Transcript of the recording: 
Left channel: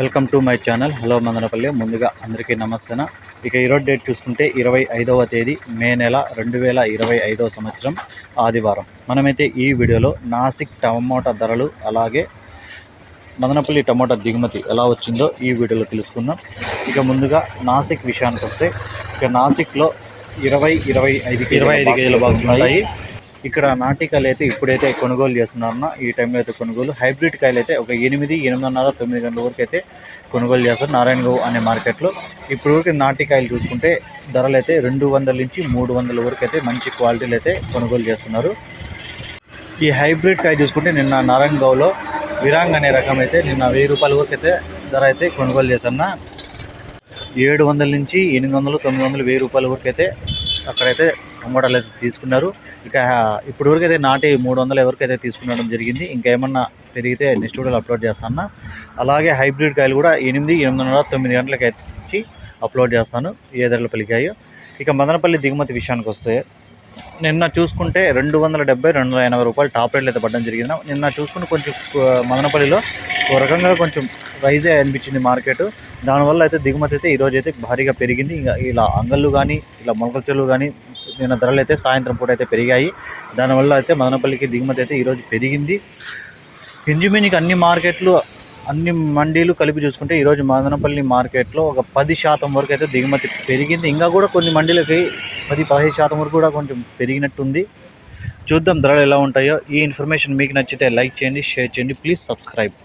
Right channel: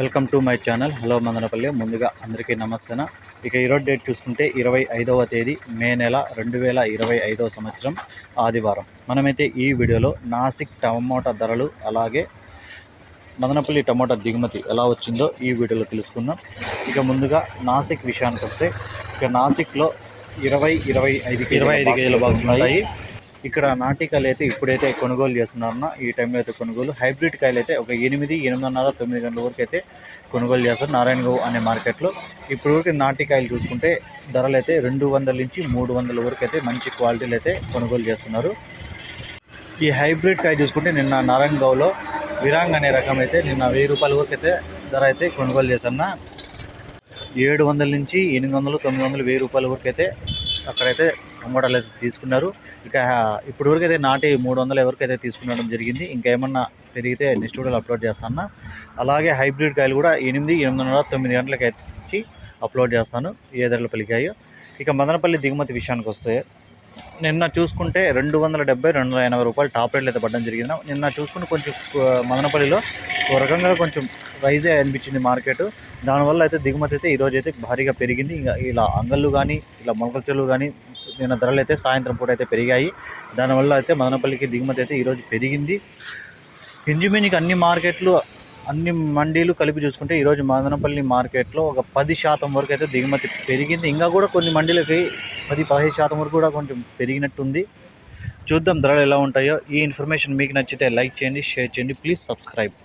Welcome to my channel. Hello Madanapalle. ముందుగా అందరికీ నమస్తే ఇక ఈరోజు డేట్ చూసుకుంటే ఇరవై ఐదవ తేదీ మే నెల రెండు వేల ఇరవై ఐదవ సంవత్సరం ఆదివారం. మనమైతే ఈ వీడియోలో నాసిక్ టమోటా ధరలు అలాగే మదనపల్లి టమోటా దిగుమతి ఎలా వచ్చిందో ఈ వీడియోలో తెలుసుకుందాం. ఇక ముందుగా నాసిక్ విషయానికి వస్తే ఇక నాసిక్లో ఇరవై ఇరవై ఐదు ఇరవై ఐదు కేజీల బాక్సులు ఉన్నాయి ఇక్కడ నాటికాయలు అయితే ఇప్పుడైతే కొనుగోలు చేస్తున్నారన్న. ఈ టైంలో అయితే కొనుగోలు. హైబ్రిడ్ కాయలు అయితే ఒక ఎనిమిది ఎనిమిదిన్నర తొమ్మిది గంటల వరకు అయితే కొనుగోలు చేస్తారు నారాయణగౌ అనే మార్కెట్లో. ఇప్పుడు వరకు నాటికాయలు చూసుకుంటే ధరలు అయితే రెండు వందల నుంచి మూడు వందల వరకు అయితే మంచి క్వాలిటీలు అయితే కొనుగోలు చేస్తున్నారు. ఈ హైబ్రిడ్ కాయ చూసుకుంటే నిన్న నారాయణగౌలో విరాంగ్ అనే రకం అయితే నిన్న వెయ్యి రూపాయల వరకు అయితే ధర అయితే కొనుగోలు చేశాను ఏడు వందల నుంచి ఎనిమిది వందలు తొమ్మిది వందలు వెయ్యి రూపాయల వరకు అయితే అక్కడైతే అమ్మడాలు అయితే తీసుకున్నారు. ఇక ఇప్పుడు వరకు అయితే నాటి మూడు వందల ఎవరికైతే అయితే తీసుకునడం జరిగింది ఇంకేమన్నా పెరిగితే నెక్స్ట్ వీడియోలో అప్లోడ్ చేస్తాను. అలాగే హైబ్రిడ్ కాయలు కూడా ఎనిమిది ఎనిమిదిన్నర తొమ్మిది గంటలకి వచ్చి అప్లోడ్ చేస్తాను. ఏ ధరలు పలికాయో. ఇక మదనపల్లి దిగుమతి విషయానికి వస్తే నిన్న చూసుకుంటే రెండు వందల డెబ్బై రెండు వందల ఎనభై రూపాయలు టాప్ రేట్లు అయితే పడడం జరిగింది. నిన్న చూసుకుంటే కొంచెం మదనపల్లిలో ఒక రకంగా కొంచెం రైజ్ అనిపించింది మార్కెట్. దానివల్ల అయితే దిగుమతి అయితే ఈరోజు అయితే భారీగా పెరిగింది. ఇంకా ఇలా అంగళ్ళు కానీ ఇలా మొలకల చెల్లు కానీ నిన్న ధరలు అయితే సాయంత్రం పూట అయితే పెరిగాయి. దానివల్ల అయితే మదనపల్లికి దిగుమతి అయితే ఈరోజు పెరిగింది. ఇంచుమించుకి అన్ని మార్కెట్లు అన్ని మండీలు కలిపి చూసుకుంటే ఈరోజు మదనపల్లి మార్కెట్లో ఒక పది శాతం వరకు అయితే దిగుమతి పెరిగింది. ఇంకా కూడా కొన్ని మండీలకి పది పదిహేను శాతం వరకు కూడా కొంచెం పెరిగినట్టుంది. చూద్దాం ధరలు ఎలా ఉంటాయో. ఈ ఇన్ఫర్మేషన్ మీకు నచ్చితే లైక్ చేయండి షేర్ చేయండి. Please subscribe.